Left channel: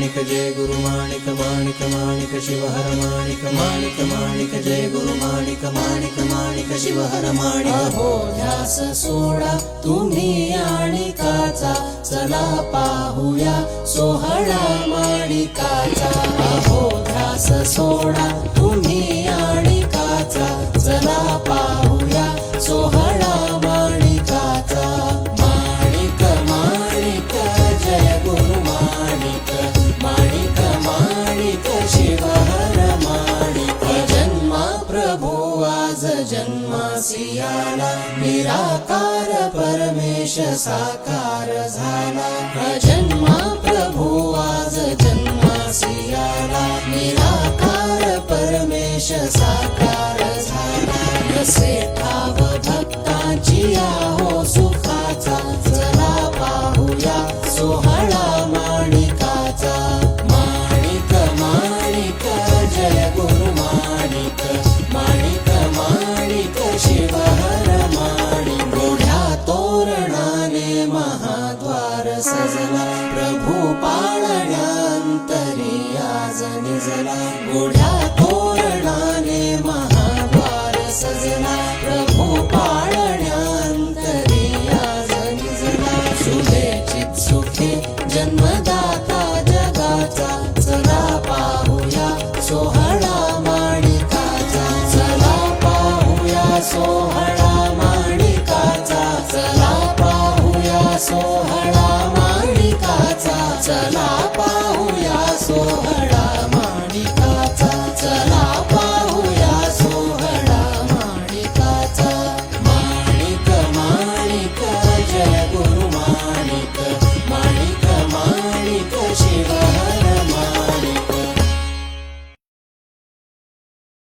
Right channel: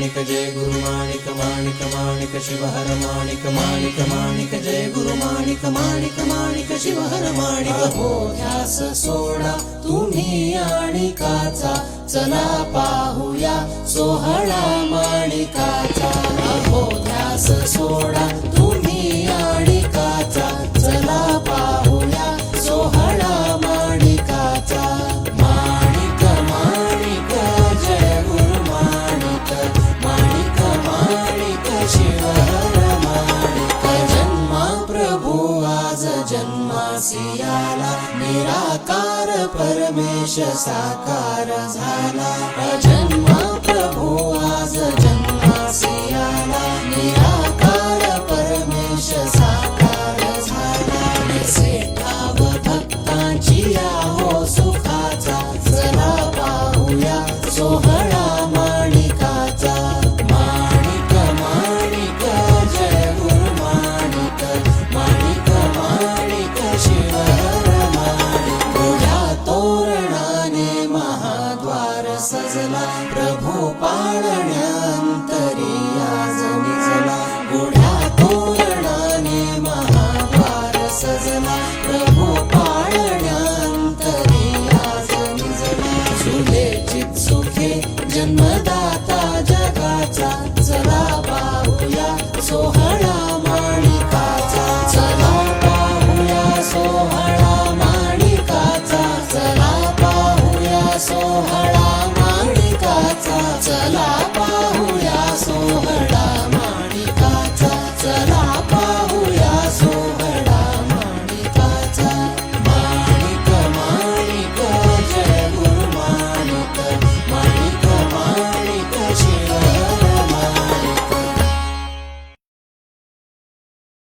माणिक जय गुरु माणिक माणिक माणिक शिवहर माणिक माणिक माणिक जय गुरु माणिक माणिक माणिक शिवहर माणिक हो ध्यास सोडा तुम्ही आणिकाचा चला पाहूया सोहळा माणिकाचा हो ध्यास सोडा तुम्ही आणिकाचा चला पाहूया सोहळा माणिकाचा माणिक माणिक जय गुरु माणिक माणिक माणिक शिवहर माणिक जन्मा प्रभू आज जन्मासी आला निराकार परमेश साकार झाला जन्मा प्रभू आज